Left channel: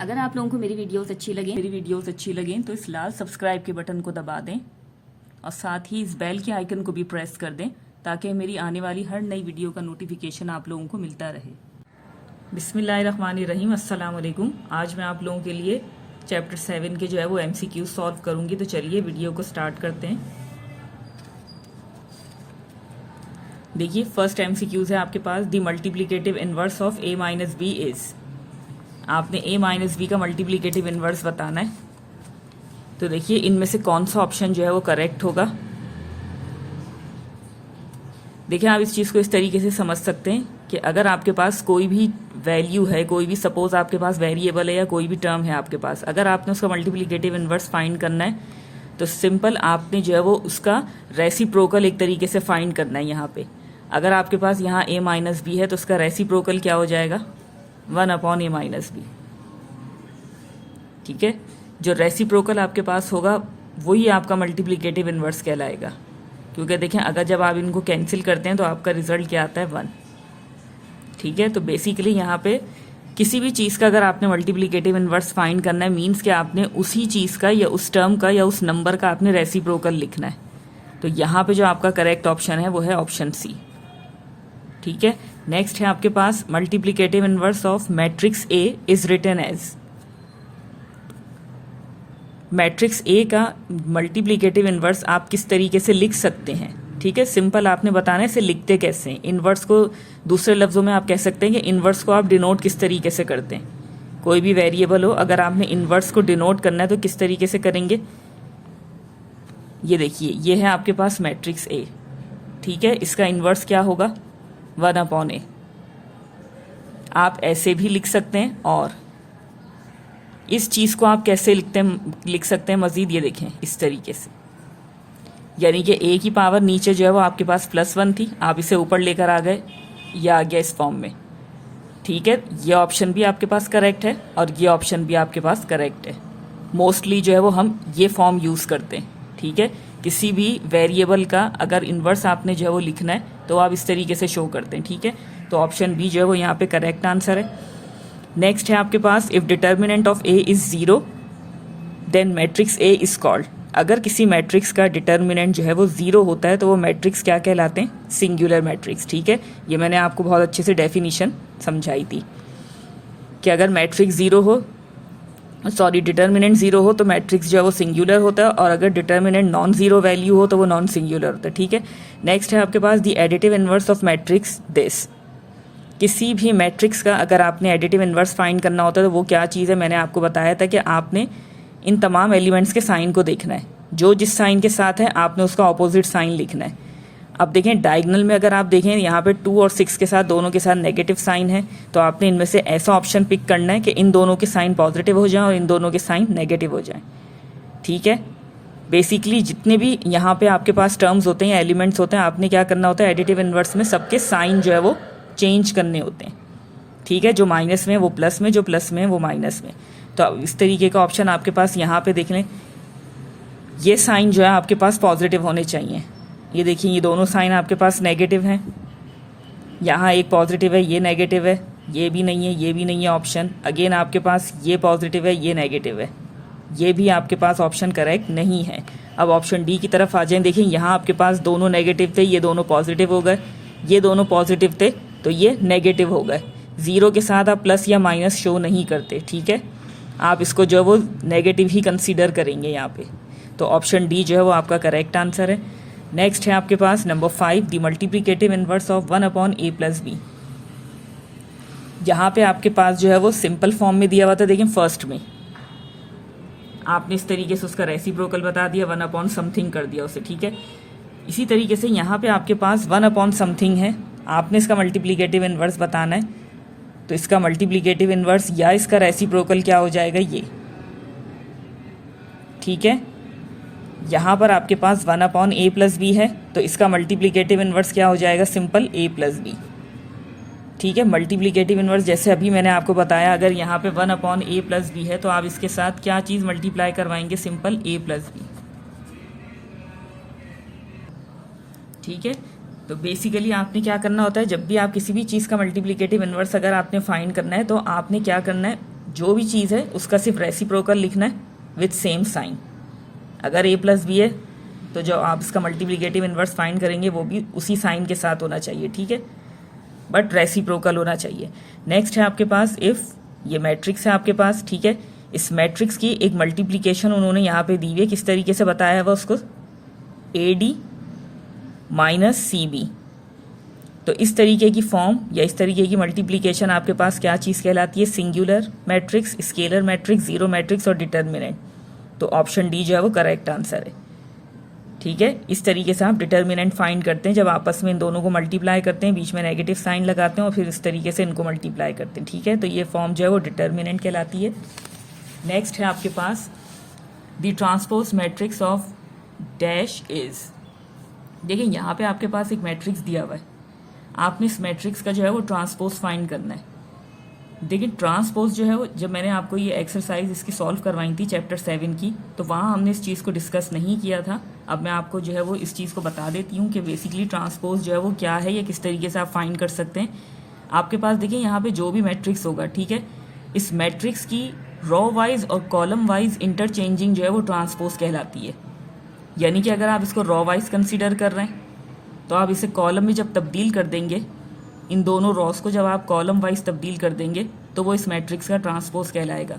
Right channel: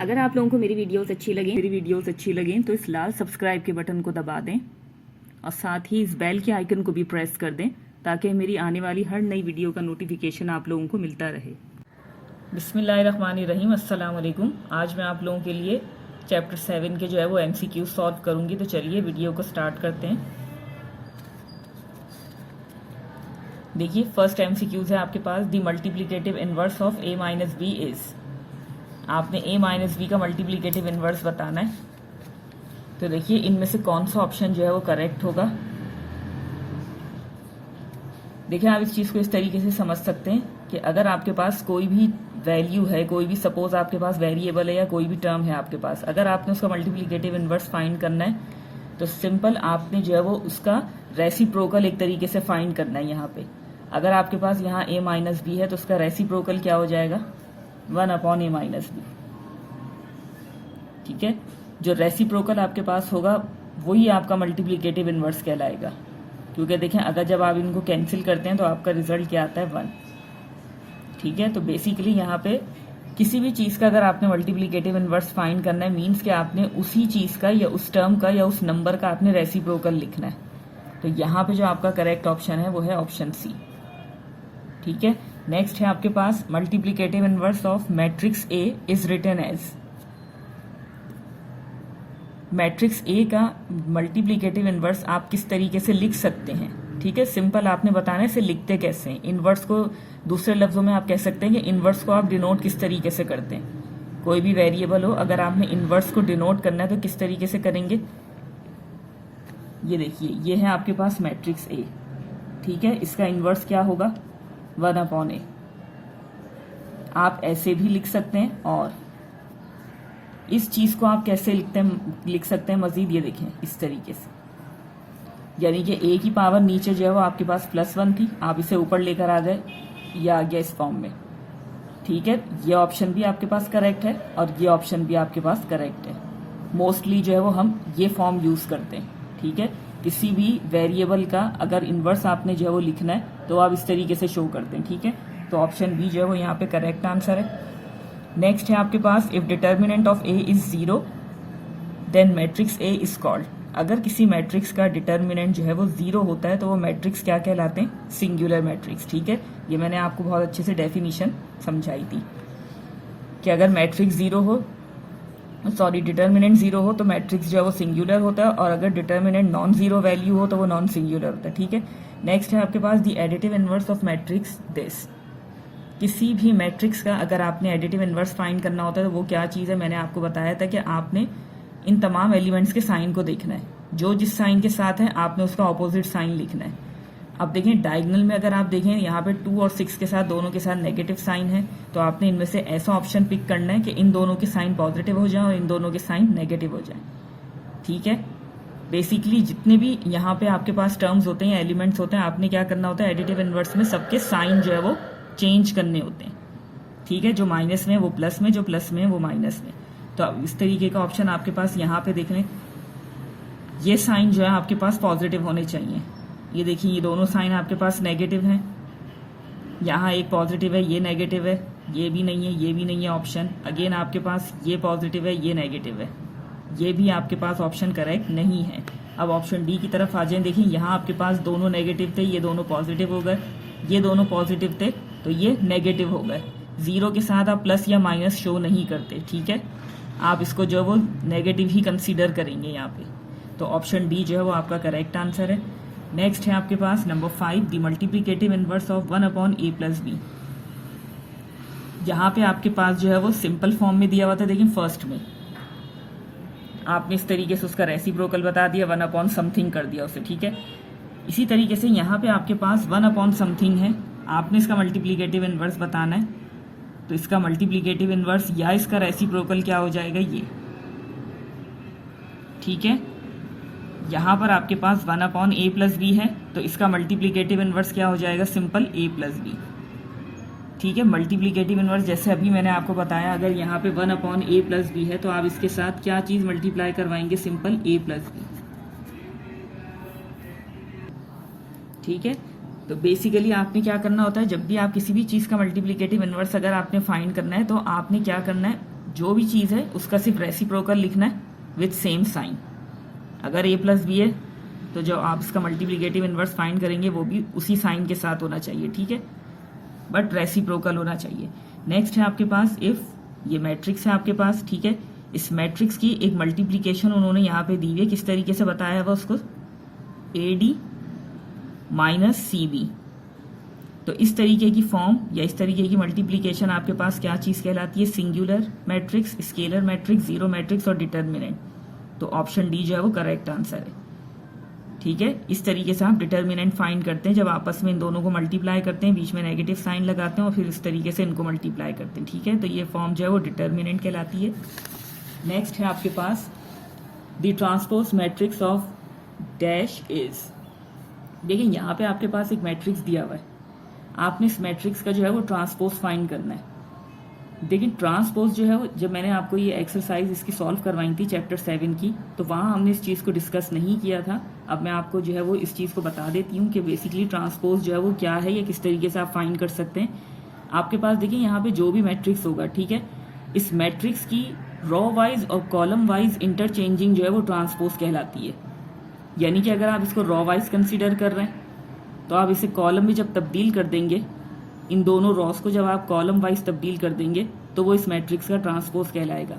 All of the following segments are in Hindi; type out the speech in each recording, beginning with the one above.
अगर आप लोगों को मेरी वीडियोस अच्छी लगें तो इस लाल सब्सक्राइब के बटन को दबा दें और साथ ही इस बेल के आइकन को भी प्रेस कर दें ताकि मेरी आने वाली हर नई वीडियो का नोटिफिकेशन आप लोगों को मिलता रहे। बिस्मिल्लाहिर्रहमानिर्रहीम, अस्सलाम वालेकुम। आज मैं आप लोगों के लिए चैप्टर 7 के जो है वो MCQ सॉल्व करूंगी। तो चलिए वीडियो को स्टार्ट करते हैं। देखिए फर्स्ट MCQs है आपके पास, the multiplicative inverse of a minus b is. आपने a माइनस बी का मल्टीप्लिकेटिव इनवर्स बताना है। तो देखिए इनमें से कौन सा ऑप्शन जो है वो करेक्ट होगा। देखिए आप इस चीज़ को इस तरीके से समझ सकते हैं कि अगर आपके पास कोई भी वैल्यू है, कोई भी सपोज आपके पास वेरिएबल है या कोई भी टर्म है आपके पास, अगर आपने उसका मल्टीप्लिकेटिव इनवर्स फाइंड करना है तो सिंपल आपने जो है वो उसका रेसिप्रोकल एक तरीके से फाइंड करना है। यहाँ पे अगर आपके पास यहाँ a माइनस बी है तो उसका रेसिप्रोकल क्या हो जाएगा, 1/a माइनस बी। ठीक है, जो रेसिप्रोकल आपके पास होगा वही आपका मल्टीप्लिकेटिव इनवर्स कहलाएगा। क्योंकि देखें अगर जब आप इनको कैंसिल करते हैं तो आपका रिजल्ट क्या आता है, 1। ठीक है, तो बेसिकली यहाँ पे किसी भी चीज़ का अगर आपने मल्टीप्लिकेटिव इनवर्स फाइंड करना है मीन्स कि आपने उसी चीज़ का या उस टर्म का या उस नंबर का आपने रेसिप्रोकल लिखना है। तो यहाँ पे जो आपका करेक्ट ऑप्शन है वो है ऑप्शन सी। ठीक है, नेक्स्ट है आपके पास multiplicative inverse of matrix A is written as. Matrix A का मल्टीप्लिकेटिव इनवर्स आप किस तरीके से लिख सकते हैं। ठीक है, सिंपल आपने बताना है इसे लिखते कैसे हैं। इनवर्स को दूसरे लफ्जों में आप कह सकते हैं कि इनवर्स को आप डिनोट किस तरीके से करते हैं। कोई भी वेरिएबल हो, अगर आपने इनवर्स को डिनोट करना है तो किस तरीके से करेंगे। ये देखिए ये है आपके पास मैट्रिक्स ए। ठीक है, इसका इनवर्स क्या होगा, 1/a। आप ऐसे भी लिख सकते हैं और इस चीज को आप कैसे लिख सकते हैं मजीद, ये देखें इस तरीके से, यानी कि a की पावर नीचे जो है वो आपके पास +1 थी, आप इसे ऊपर लेकर आ गए, ये आ गया इस फॉर्म में। ठीक है, ये ऑप्शन भी आपके पास करेक्ट है और ये ऑप्शन भी आपके पास करेक्ट है। मोस्टली जो है वो हम ये फॉर्म यूज करते हैं। ठीक है, किसी भी वेरिएबल का अगर इन्वर्स आपने जो है वो लिखना है तो आप इस तरीके से शो करते हैं। ठीक है, तो ऑप्शन बी जो है वो यहाँ पे करेक्ट आंसर है। नेक्स्ट है आपके पास, if determinant of A is 0 then matrix A is called. अगर किसी मैट्रिक्स का डिटर्मिनेंट जो है वो 0 होता है तो वो मैट्रिक्स क्या कहलाते हैं, सिंगुलर मैट्रिक्स। ठीक है, ये मैंने आपको बहुत अच्छे से डेफिनेशन समझाई थी कि अगर मैट्रिक्स 0 हो, डिटर्मिनेंट 0 हो तो मैट्रिक्स जो है वो सिंगुलर होता है, और अगर डिटर्मिनेंट नॉन जीरो वैल्यू हो तो वो नॉन सिंगुलर होता है। ठीक है, नेक्स्ट है आपके पास the additive inverse of matrix this. किसी भी मैट्रिक्स का अगर आपने एडिटिव इनवर्स फाइंड करना होता है तो वो क्या चीज़ है, मैंने आपको बताया था कि आपने इन तमाम एलिमेंट्स के साइन को देखना है। जो जिस साइन के साथ है आपने उसका ऑपोजिट साइन लिखना है। अब देखें डायगोनल में अगर आप देखें यहाँ पे 2 और 6 के साथ दोनों के साथ नेगेटिव साइन है, तो आपने इनमें से ऐसा ऑप्शन पिक करना है कि इन दोनों के साइन पॉजिटिव हो जाएं और इन दोनों के साइन नेगेटिव हो जाएं। ठीक है, बेसिकली जितने भी यहाँ पे आपके पास टर्म्स होते हैं या एलिमेंट्स होते हैं, आपने क्या करना होता है, एडिटिव इनवर्स में सबके साइन जो है वो चेंज करने होते हैं। ठीक है, जो माइनस में वो प्लस में, जो प्लस में वो माइनस में। तो इस तरीके का ऑप्शन आपके पास यहाँ पे देख लें, ये साइन जो है आपके पास पॉजिटिव होने चाहिए। ये देखिए ये दोनों साइन आपके पास नेगेटिव हैं, यहाँ एक पॉजिटिव है ये नेगेटिव है, ये भी नहीं है ये भी नहीं है ऑप्शन। अगेन आपके पास ये पॉजिटिव है ये नेगेटिव है, ये भी आपके पास ऑप्शन करेक्ट नहीं है। अब ऑप्शन डी की तरफ आ जाएं। देखिए यहाँ आपके पास दोनों नेगेटिव थे, ये दोनों पॉजिटिव हो गए, ये दोनों पॉजिटिव थे तो ये नेगेटिव हो गए। 0 के साथ आप प्लस या माइनस शो नहीं करते। ठीक है, आप इसको जो वो नेगेटिव ही कंसीडर करेंगे यहाँ पे। तो ऑप्शन डी जो है वो आपका करेक्ट आंसर है। नेक्स्ट है आपके पास number 5, the multiplicative inverse of 1/a + b। यहाँ पे आपके पास जो है वो सिंपल फॉर्म में दिया हुआ था। देखिए फर्स्ट में आपने इस तरीके से उसका रेसिप्रोकल बता दिया, 1/समथिंग कर दिया उसे। ठीक है, इसी तरीके से यहाँ पे आपके पास 1/समथिंग है, आपने इसका मल्टीप्लिकेटिव इनवर्स बताना है। तो इसका मल्टीप्लिकेटिव इनवर्स या इसका रेसिप्रोकल क्या हो जाएगा, ये। ठीक है, यहाँ पर आपके पास 1/a + b है तो इसका मल्टीप्लिकेटिव इनवर्स क्या हो जाएगा, सिंपल a + b। ठीक है, मल्टीप्लिकेटिव इनवर्स जैसे अभी मैंने आपको बताया, अगर यहाँ पे 1/a + b है तो आप इसके साथ क्या चीज़ मल्टीप्लाई करवाएंगे, सिंपल a + b। ठीक है, तो बेसिकली आपने क्या करना होता है, जब भी आप किसी भी चीज़ का मल्टीप्लिकेटिव इनवर्स अगर आपने फाइंड करना है तो आपने क्या करना है, जो भी चीज़ है उसका सिर्फ रेसिप्रोकल लिखना है विथ सेम साइन। अगर a प्लस बी है तो जो आप इसका मल्टीप्लिकेटिव इन्वर्स फाइंड करेंगे वो भी उसी साइन के साथ होना चाहिए, ठीक है, बट रेसिप्रोकल होना चाहिए। नेक्स्ट है आपके पास इफ़, ये मैट्रिक्स है आपके पास, ठीक है। इस मैट्रिक्स की एक मल्टीप्लिकेशन उन्होंने यहाँ पे दी हुई है, किस तरीके से बताया हुआ उसको, AD माइनस CB। तो इस तरीके की फॉर्म या इस तरीके की मल्टीप्लिकेशन आपके पास क्या चीज़ कहलाती है, singular matrix, scalar matrix, zero matrix और डिटर्मिनेंट। तो ऑप्शन डी जो है वो करेक्ट आंसर है, ठीक है। इस तरीके से आप डिटर्मिनेंट फाइंड करते हैं, जब आपस में इन दोनों को मल्टीप्लाई करते हैं, बीच में नेगेटिव साइन लगाते हैं और फिर इस तरीके से इनको मल्टीप्लाई करते हैं, ठीक है। तो ये फॉर्म जो है वो डिटर्मिनेंट कहलाती है। नेक्स्ट है आपके पास the transpose matrix of dash is. देखिए यहाँ पे आपके पास एक मैट्रिक्स दिया हुआ है, आपने इस मैट्रिक्स का जो है वो ट्रांसपोज फाइंड करना है। देखिए ट्रांसपोज जो है वो, जब मैंने आपको ये एक्सरसाइज इसकी सॉल्व करवाई थी चैप्टर 7 की, तो वहाँ हमने इस चीज़ को डिस्कस नहीं किया था। अब मैं आपको जो है वो इस चीज़ को बता देती हूँ कि बेसिकली ट्रांसपोज जो है वो क्या है या किस तरीके से आप फाइंड कर सकते हैं। आपके पास देखिए यहाँ पे जो भी मैट्रिक्स होगा, ठीक है, इस मैट्रिक्स की रो वाइज और कॉलम वाइज इंटरचेंजिंग जो है वो ट्रांसपोज कहलाती है। यानी कि अगर आप इसको रो वाइज कंसिडर कर रहे हैं तो आप इसे कॉलम में जब तब्दील कर देंगे, इन दोनों रॉस को जब आप कॉलम वाइज तब्दील कर देंगे तो वो इस मैट्रिक्स का ट्रांसपोज कहलाएगा।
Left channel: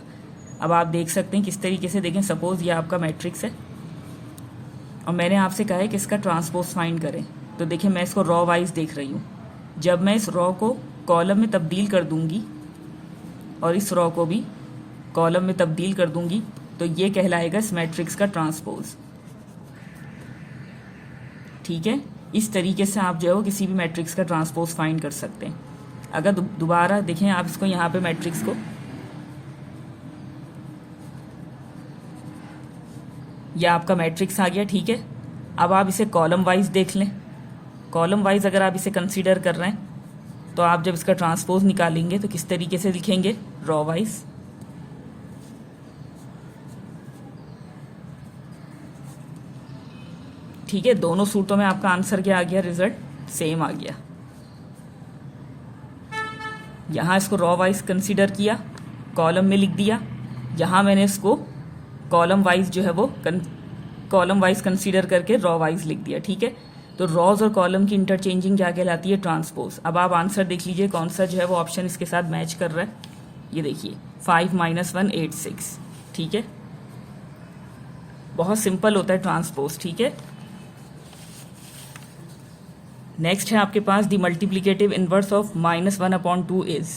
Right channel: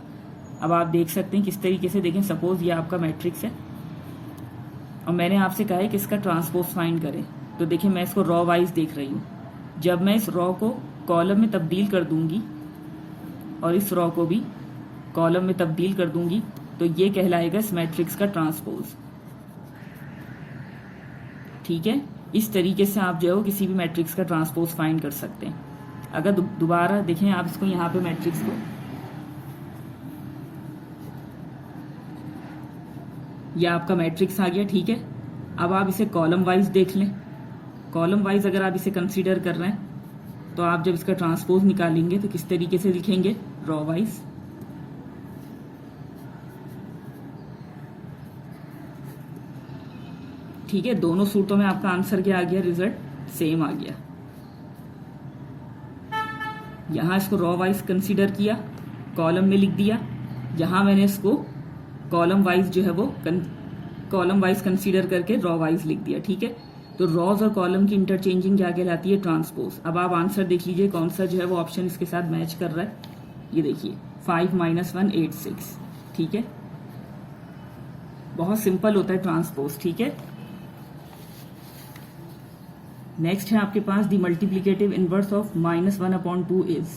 अब आप देख सकते हैं किस तरीके से, देखें सपोज ये आपका मैट्रिक्स है और मैंने आपसे कहा है कि इसका ट्रांसपोज फाइंड करें। तो देखिए मैं इसको रॉ वाइज देख रही हूँ, जब मैं इस रॉ को कॉलम में तब्दील कर दूंगी और इस रॉ को भी कॉलम में तब्दील कर दूंगी तो ये कहलाएगा इस मैट्रिक्स का ट्रांसपोज, ठीक है। इस तरीके से आप जो है वो किसी भी मैट्रिक्स का ट्रांसपोज फाइंड कर सकते हैं। अगर दोबारा देखें आप इसको यहाँ पे मैट्रिक्स को, यह आपका मैट्रिक्स आ गया, ठीक है। अब आप इसे कॉलम वाइज देख लें। कॉलम वाइज अगर आप इसे कंसीडर कर रहे हैं तो आप जब इसका ट्रांसपोज निकालेंगे तो किस तरीके से लिखेंगे, रॉ वाइज, ठीक है। दोनों सूत्रों में आपका आंसर क्या आ गया, रिजल्ट सेम आ गया। यहां इसको रॉ वाइज कंसीडर किया, कॉलम में लिख दिया, यहां मैंने इसको कॉलम वाइज जो है वो कॉलम वाइज कंसीडर करके रॉ वाइज लिख दिया, ठीक है। तो रॉज और कॉलम की इंटरचेंजिंग क्या कहलाती है, ट्रांसपोज। अब आप आंसर देख लीजिए कौन सा जो है वो ऑप्शन इसके साथ मैच कर रहा है। ये देखिए 5 - 1 8 6, ठीक है। बहुत सिंपल होता है ट्रांसपोज, ठीक है। नेक्स्ट है आपके पास the multiplicative inverse of -1/2 is.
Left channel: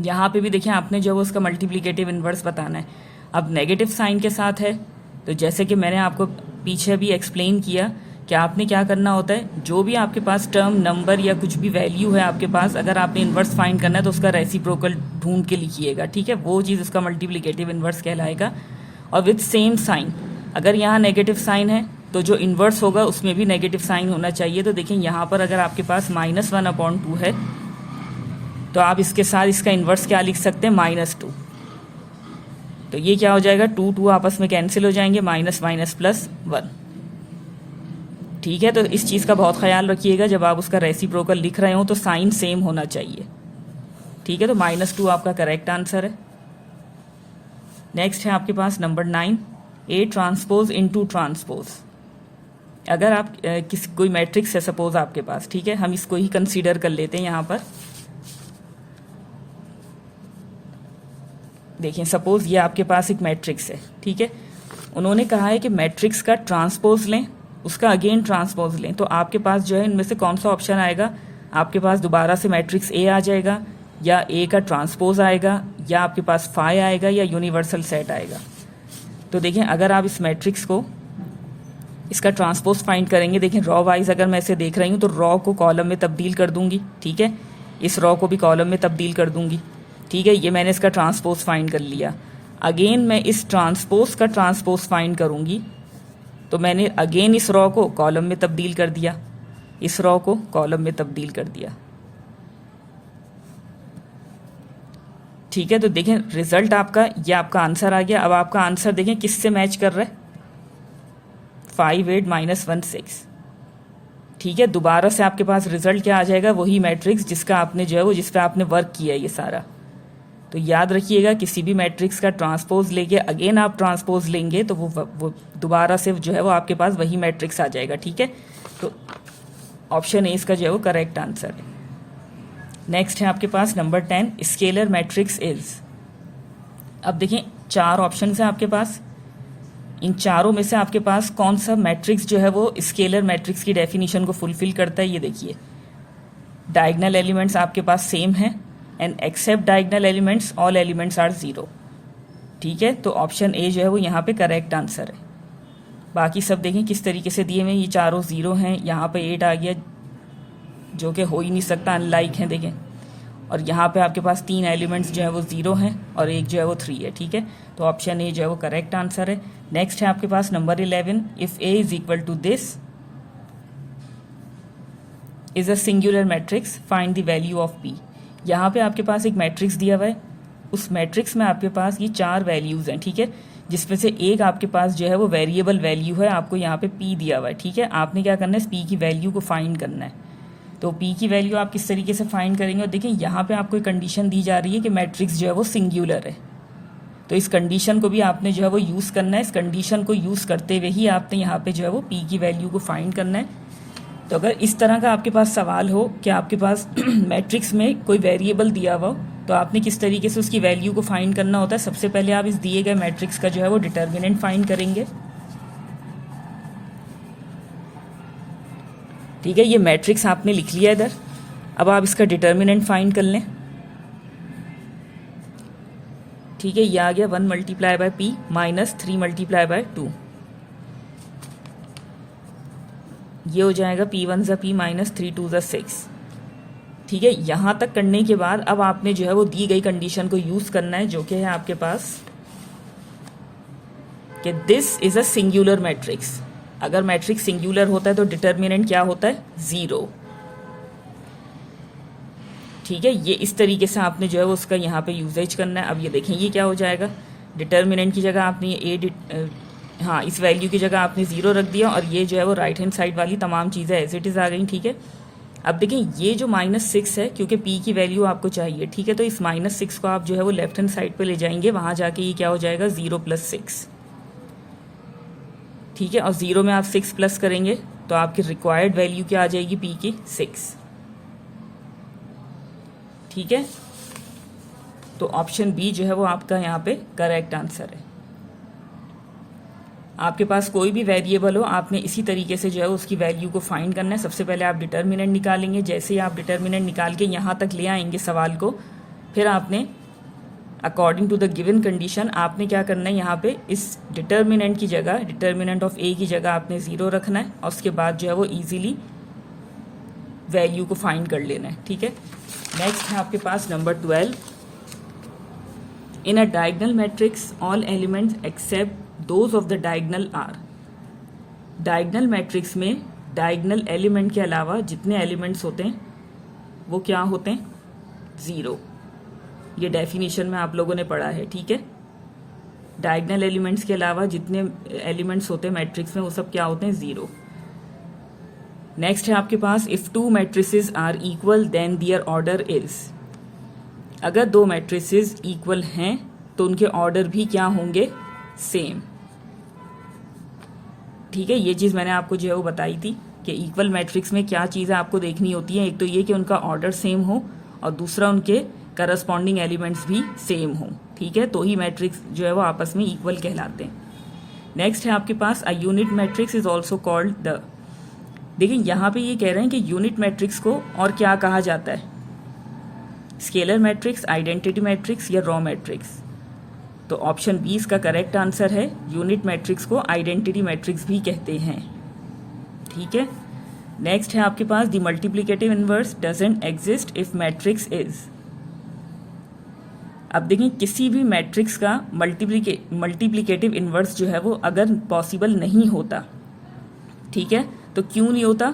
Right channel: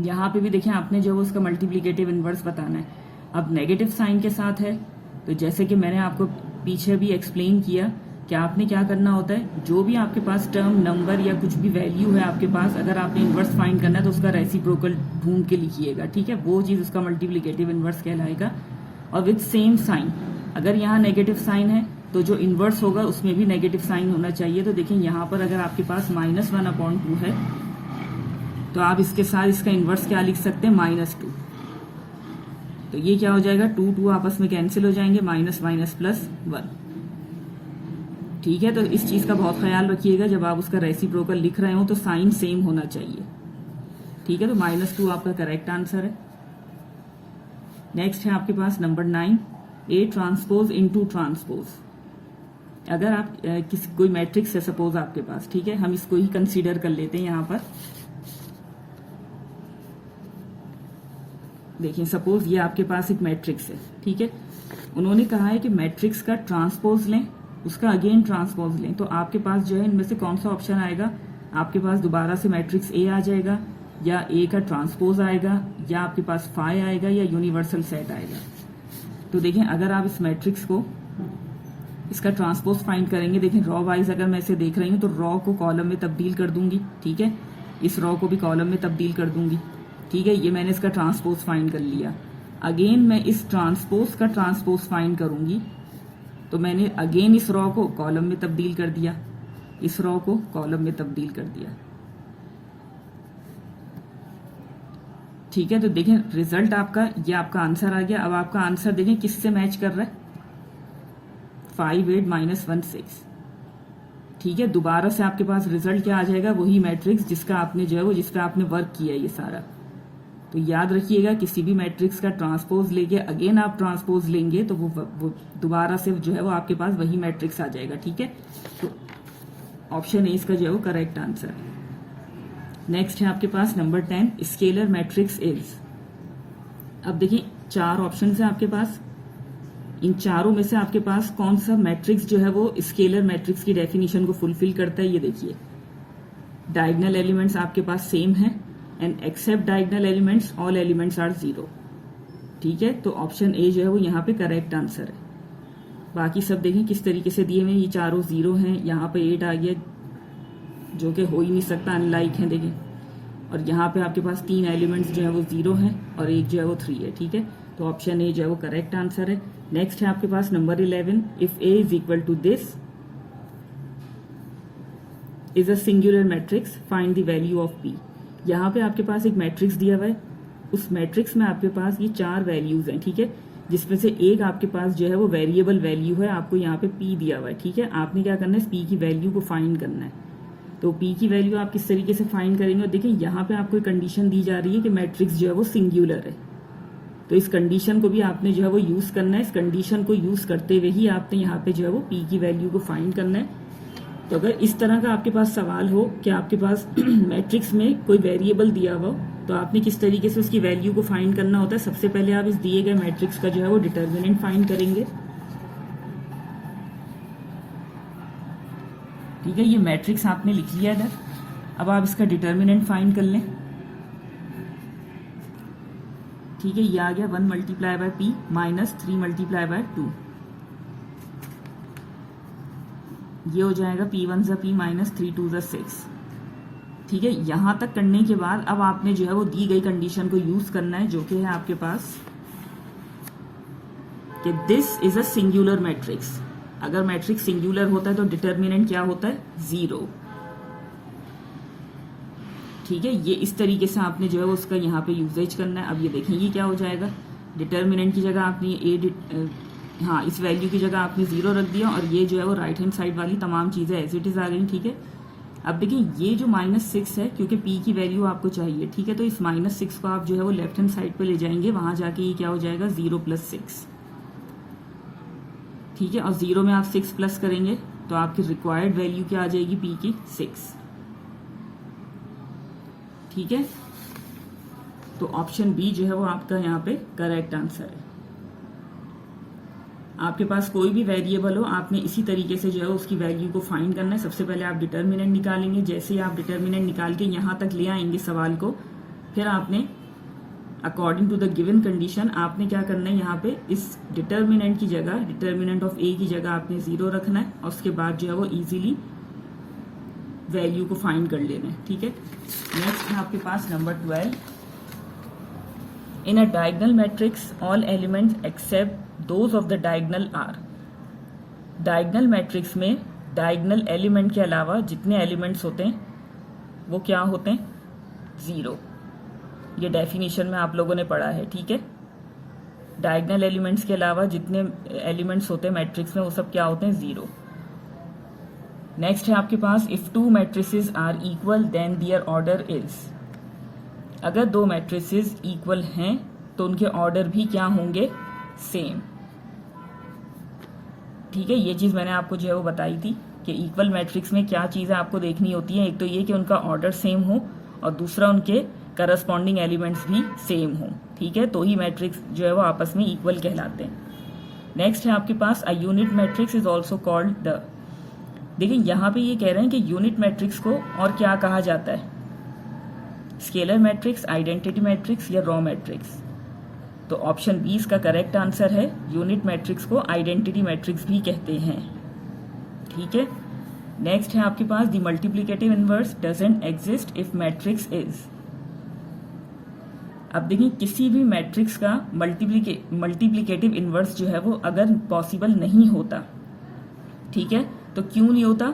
यहाँ पे भी देखिए आपने जो उसका मल्टीप्लिकेटिव इनवर्स बताना है। अब नेगेटिव साइन के साथ है तो जैसे कि मैंने आपको पीछे भी एक्सप्लेन किया कि आपने क्या करना होता है, जो भी आपके पास टर्म, नंबर या कुछ भी वैल्यू है आपके पास, अगर आपने इनवर्स फाइंड करना है तो उसका रेसिप्रोकल ढूंढ के लिखिएगा, ठीक है। वो चीज़ उसका मल्टीप्लिकेटिव इनवर्स कहलाएगा। और विथ सेम साइन, अगर यहाँ नेगेटिव साइन है तो जो इन्वर्स होगा उसमें भी नेगेटिव साइन होना चाहिए। तो देखिए यहाँ पर अगर आपके पास -1/2 है तो आप इसके साथ इसका इन्वर्स क्या लिख सकते हैं, -2। तो ये क्या हो जाएगा, 2 2 आपस में कैंसिल हो जाएंगे, -+1, ठीक है। तो इस चीज़ का बहुत ख्याल रखिएगा, जब आप उसका रेसिप्रोकल लिख रहे हो तो साइन सेम होना चाहिए, ठीक है। तो -2 आपका करेक्ट आंसर है। नेक्स्ट है आपके पास number 9, A transpose into transpose. अगर आप कोई मैट्रिक्स है सपोज आपके पास, ठीक है, हम इसको ही कंसीडर कर लेते हैं। यहाँ पर देखिए सपोज ये आपके पास एक मैट्रिक्स है, ठीक है। उन्होंने कहा है कि मैट्रिक्स का ट्रांसपोज लें, उसका अगेन ट्रांसपोज लें। तो आपके पास जो है इनमें से कौन सा ऑप्शन आएगा, आपके पास दोबारा से मैट्रिक्स A आ जाएगा, या A का ट्रांसपोज आएगा, या आपके पास फाई आएगा, या यूनिवर्सल सेट आएगा। तो देखिए अगर आप इस मैट्रिक्स को, इसका ट्रांसपोज फाइंड करेंगे, देखिए रॉ वाइज अगर मैं इसे देख रही हूँ तो रॉ को कॉलम में तब्दील कर दूंगी, ठीक है। इस रॉ को भी कॉलम में तब्दील कर दूंगी, ठीक है। ये मैंने इसका ट्रांसपोज फाइंड कर लिया। अगेन मैं इस ट्रांसपोज का ट्रांसपोज फाइंड करूंगी तो मैंने अगेन इस रॉ को कॉलम में तब्दील कर दिया, इस रॉ को कॉलम में तब्दील कर दिया, ठीक है। तो देखें रिजल्ट आपका, ये आपका आंसर आ गया। अब आपका आंसर देखें किससे मैच कर रहा है, 5 8 -1 6, ठीक है। दोबारा से आपके पास रिजल्ट क्या आ जाएगा, वही मैट्रिक्स जिसका आपने जो है वो, जिस पे आपने वर्क किया है ये सारा, तो याद रखिएगा किसी भी मैट्रिक्स का ट्रांसपोज लेके अगेन आप ट्रांसपोज लेंगे तो वो दोबारा से जो है वो आपके पास वही मैट्रिक्स आ जाएगा, ठीक है। तो ऑप्शन ए इसका जो है वो करेक्ट आंसर है। नेक्स्ट है आपके पास नंबर 10, स्केलर मैट्रिक्स इज। अब देखिए 4 ऑप्शन है आपके पास, इन चारों में से आपके पास कौन सा मैट्रिक्स जो है वो स्केलर मैट्रिक्स की डेफिनेशन को फुलफिल करता है। ये देखिए डायगनल एलिमेंट्स आपके पास सेम है and except diagonal elements all elements are 0, ठीक है। तो ऑप्शन ए जो है वो यहाँ पे करेक्ट आंसर है। बाकी सब देखें किस तरीके से दिए हुए हैं, ये चारों 0 हैं, यहाँ पे 8 आ गया जो कि हो ही नहीं सकता, अनलाइक है देखें। और यहाँ पे आपके पास 3 एलिमेंट्स जो है वो 0 हैं और एक जो है वो 3 है, ठीक है। तो ऑप्शन ए जो है वो करेक्ट आंसर है। नेक्स्ट है आपके पास number 11, if A is equal to this is a singular matrix find the value of p. यहाँ पे आपके पास एक मैट्रिक्स दिया हुआ है, उस मैट्रिक्स में आपके पास ये 4 वैल्यूज हैं, ठीक है, जिसमें से एक आपके पास जो है वो वेरिएबल वैल्यू है, आपको यहाँ पे पी दिया हुआ है, ठीक है। आपने क्या करना है, पी की वैल्यू को फाइंड करना है। तो पी की वैल्यू आप किस तरीके से फाइंड करेंगे, और देखिए यहाँ पे आपको एक कंडीशन दी जा रही है कि मैट्रिक्स जो है वो सिंगुलर है, तो इस कंडीशन को भी आपने जो है वो यूज़ करना है। इस कंडीशन को यूज़ करते हुए ही आपने यहाँ पे जो है वो पी की वैल्यू को फाइंड करना है। तो अगर इस तरह का आपके पास सवाल हो कि आपके पास मैट्रिक्स में कोई वेरिएबल दिया हुआ हो तो आपने किस तरीके से उसकी वैल्यू को फाइंड करना होता है, सबसे पहले आप इस दिए गए मैट्रिक्स का जो है वो डिटर्मिनेंट फाइंड करेंगे, ठीक है। ये मैट्रिक्स आपने लिख लिया इधर, अब आप इसका डिटर्मिनेंट फाइंड कर लें, ठीक है। ये आ गया 1 multiply by P minus 3 multiply by 2, ये हो जाएगा p1 ज़ा p माइनस 3 2 ज़ा 6, ठीक है। यहाँ तक करने के बाद अब आपने जो है वो दी गई कंडीशन को यूज़ करना है, जो कि है आपके पास कि this is a singular matrix. अगर मैट्रिक्स सिंगुलर होता है तो डिटर्मिनेंट क्या होता है, 0, ठीक है। ये इस तरीके से आपने जो है वो उसका यहाँ पे यूजेज करना है। अब ये देखें ये क्या हो जाएगा, डिटर्मिनेंट की जगह आपने ये हाँ इस वैल्यू की जगह आपने 0 रख दिया और ये जो है वो राइट हैंड साइड वाली तमाम चीज़ें एज इट इज़ आ गई, ठीक है। अब देखिए ये जो -6 है, क्योंकि p की वैल्यू आपको चाहिए, ठीक है, तो इस -6 को आप जो है वो लेफ्ट हैंड साइड पे ले जाएंगे, वहाँ जाके ये क्या हो जाएगा 0 + 6, ठीक है। और 0 में आप 6 प्लस करेंगे तो आपकी रिक्वायर्ड वैल्यू क्या आ जाएगी p की 6, ठीक है। तो ऑप्शन बी जो है वो आपका यहाँ पे करेक्ट आंसर है। आपके पास कोई भी वेरिएबल हो, आपने इसी तरीके से जो है उसकी वैल्यू को फाइंड करना है। सबसे पहले आप डिटर्मिनेंट निकालेंगे, जैसे ही आप डिटर्मिनेंट निकाल के यहाँ तक ले आएंगे सवाल को, फिर आपने according to the given condition आपने क्या करना है, यहाँ पे इस डिटर्मिनेंट की जगह, डिटर्मिनेंट ऑफ ए की जगह आपने 0 रखना है और उसके बाद जो है वो ईजिली वैल्यू को फाइंड कर लेना है, ठीक है। नेक्स्ट है आपके पास number 12, in a diagonal matrix all elements except those of the diagonal are. Diagonal matrix में डायगनल एलिमेंट के अलावा जितने एलिमेंट्स होते हैं वो क्या होते हैं, 0। ये डेफिनेशन में आप लोगों ने पढ़ा है, ठीक है। डायगनल एलिमेंट्स के अलावा जितने एलिमेंट्स होते हैं मैट्रिक्स में वो सब क्या होते हैं, 0। नेक्स्ट है आपके पास, if 2 matrices are equal then their order is. अगर 2 मैट्रिसेस इक्वल हैं तो उनके ऑर्डर भी क्या होंगे, सेम, ठीक है। ये चीज़ मैंने आपको जो है वो बताई थी कि इक्वल मैट्रिक्स में क्या चीज़ें आपको देखनी होती हैं, एक तो ये कि उनका ऑर्डर सेम हो और दूसरा उनके करस्पॉन्डिंग एलिमेंट्स भी सेम हो, ठीक है, तो ही मैट्रिक्स जो है वो आपस में इक्वल कहलाते हैं। नेक्स्ट है आपके पास, a unit matrix is also called the. देखिए यहाँ पे ये कह रहे हैं कि यूनिट मैट्रिक्स को और क्या कहा जाता है, स्केलर मैट्रिक्स, आइडेंटिटी मैट्रिक्स या रॉ मैट्रिक्स। तो ऑप्शन बी इसका करेक्ट आंसर है, यूनिट मैट्रिक्स को आइडेंटिटी मैट्रिक्स भी कहते हैं, ठीक है। नेक्स्ट है आपके पास, the multiplicative inverse doesn't exist if matrix is. अब देखिए किसी भी मैट्रिक्स का मल्टीप्लिकेटिव इनवर्स जो है वो अगर पॉसिबल नहीं होता, ठीक है, तो क्यों नहीं होता,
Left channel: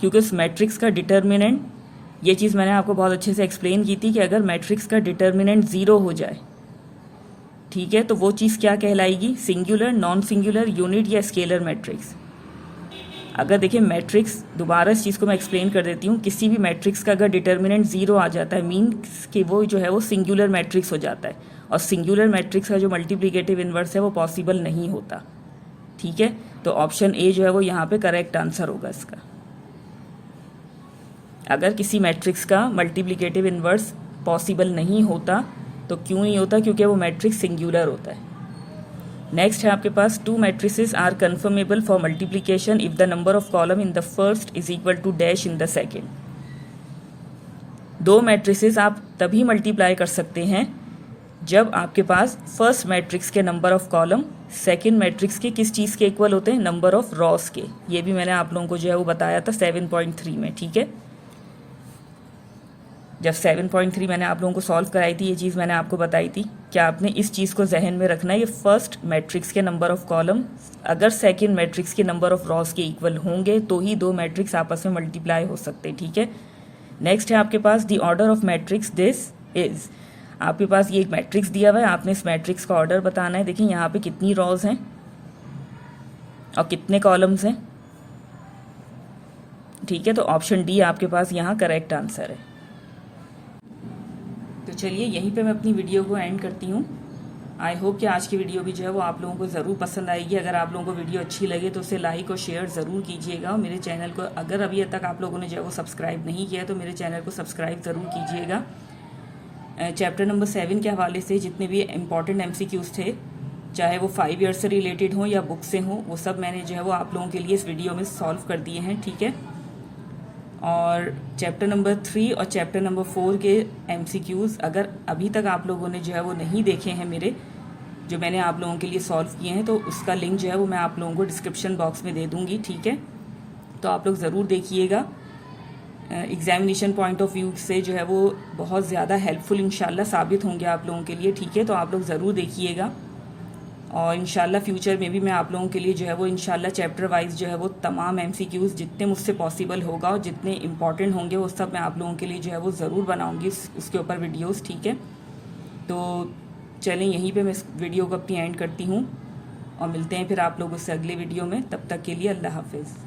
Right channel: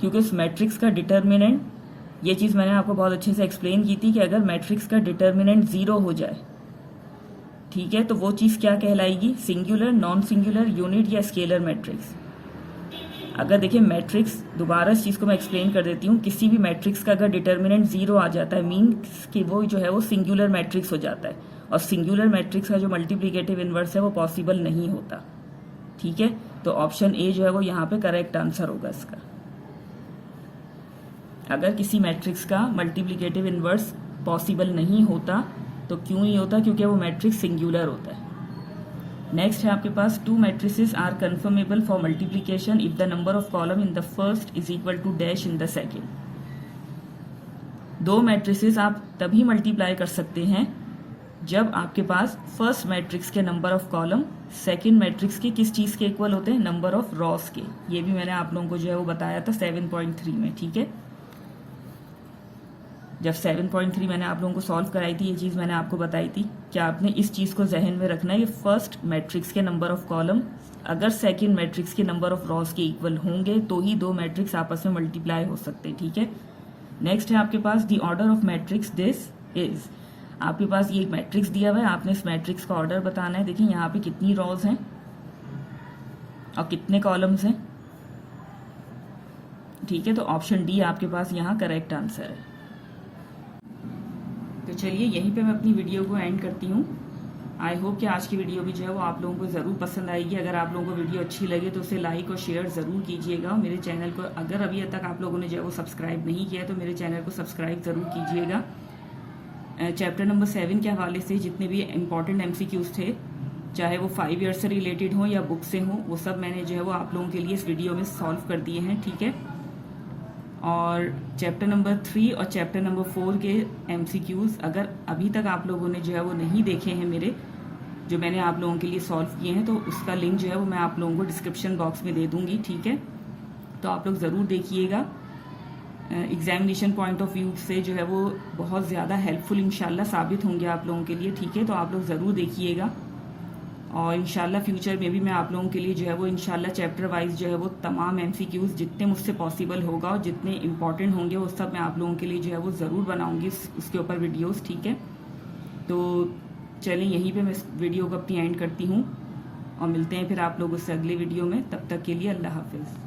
क्योंकि उस मैट्रिक्स का डिटर्मिनेंट, ये चीज़ मैंने आपको बहुत अच्छे से एक्सप्लेन की थी कि अगर मैट्रिक्स का डिटर्मिनेंट 0 हो जाए, ठीक है, तो वो चीज़ क्या कहलाएगी, सिंगुलर, नॉन सिंगुलर, यूनिट या स्केलर मैट्रिक्स। अगर देखिए मैट्रिक्स, दोबारा इस चीज़ को मैं एक्सप्लेन कर देती हूँ, किसी भी मैट्रिक्स का अगर डिटर्मिनेंट 0 आ जाता है मीन्स कि वो जो है वो सिंगुलर मैट्रिक्स हो जाता है, और सिंगुलर मैट्रिक्स का जो मल्टीप्लिकेटिव इन्वर्स है वो पॉसिबल नहीं होता। ठीक है, तो ऑप्शन ए जो है वो यहाँ पे करेक्ट आंसर होगा इसका। अगर किसी मैट्रिक्स का मल्टीप्लिकेटिव इन्वर्स पॉसिबल नहीं होता तो क्यों नहीं होता? क्योंकि वो मैट्रिक्स सिंगुलर होता है। नेक्स्ट है आपके पास 2 matrices are conformable for multiplication if the number of column in the first is equal to dash in the second. 2 matrices आप तभी मल्टीप्लाई कर सकते हैं जब आपके पास फर्स्ट मैट्रिक्स के number of column second matrix के किस चीज़ के इक्वल होते हैं? नंबर ऑफ रॉस के। ये भी मैंने आप लोगों को जो है वो बताया था 7.3 में। ठीक है, जब 7.3 मैंने आप लोगों को सॉल्व कराई थी, ये चीज़ मैंने आपको बताई थी कि आपने इस चीज़ को जहन में रखना है, ये फर्स्ट मैट्रिक्स के नंबर ऑफ कॉलम अगर सेकंड मैट्रिक्स के नंबर ऑफ रॉस के इक्वल होंगे तो ही 2 मैट्रिक्स आपस में मल्टीप्लाई हो सकते हैं। ठीक है, नेक्स्ट है आपके पास the order of matrix this is. आपके पास ये एक मैट्रिक्स दिया हुआ है, आपने इस मैट्रिक्स का ऑर्डर बताना है। देखिए यहाँ पे कितनी रॉज हैं और कितने कॉलम्स हैं। ठीक है, तो ऑप्शन डी आपके पास यहाँ करेक्ट आंसर है। तो चलिए यहीं पे मैं अपनी वीडियो को एंड करती हूँ। आई होप कि आज की वीडियो भी जो है वो आप लोगों को ज़रूर पसंद आएगी। अगर आप लोगों को वीडियो अच्छी लगे तो उसे लाइक और शेयर ज़रूर कीजिएगा। और मेरे चैनल को अगर अभी तक आप लोगों ने जो है वो सब्सक्राइब नहीं किया तो मेरे चैनल को सब्सक्राइब ज़रूर कीजिएगा। चैप्टर नंबर 7 के हवाले से जितने भी इम्पॉर्टेंट MCQs थे, चाहे वो 5 ईयर्स से रिलेटेड हों या बुक से हों, वो सब मैंने जो है वो आप लोगों के लिए इस वीडियो में सॉल्व कर दिए हैं। ठीक है, और चैप्टर नंबर 3 और चैप्टर नंबर 4 के MCQs अगर अभी तक आप लोगों ने जो है वो नहीं देखे हैं मेरे, जो मैंने आप लोगों के लिए सॉल्व किए हैं, तो उसका लिंक जो है वो मैं आप लोगों को डिस्क्रिप्शन बॉक्स में दे दूंगी। ठीक है, तो आप लोग ज़रूर देखिएगा। एग्जामिनेशन पॉइंट ऑफ व्यू से जो है वो बहुत ज़्यादा हेल्पफुल इंशाल्लाह साबित होंगे आप लोगों के लिए। ठीक है, तो आप लोग ज़रूर देखिएगा, और इंशाल्लाह फ्यूचर में भी मैं आप लोगों के लिए जो है वो इंशाल्लाह चैप्टर वाइज जो है वो तमाम MCQs जितने मुझसे पॉसिबल होगा और जितने इंपॉर्टेंट होंगे वो सब मैं आप लोगों के लिए जो है वो ज़रूर बनाऊंगी इसके ऊपर वीडियोस। ठीक है, तो चलें यहीं पे मैं इस वीडियो को अपनी एंड करती हूँ और मिलते हैं फिर आप लोगों से अगले वीडियो में। तब तक के लिए अल्लाह हाफिज़।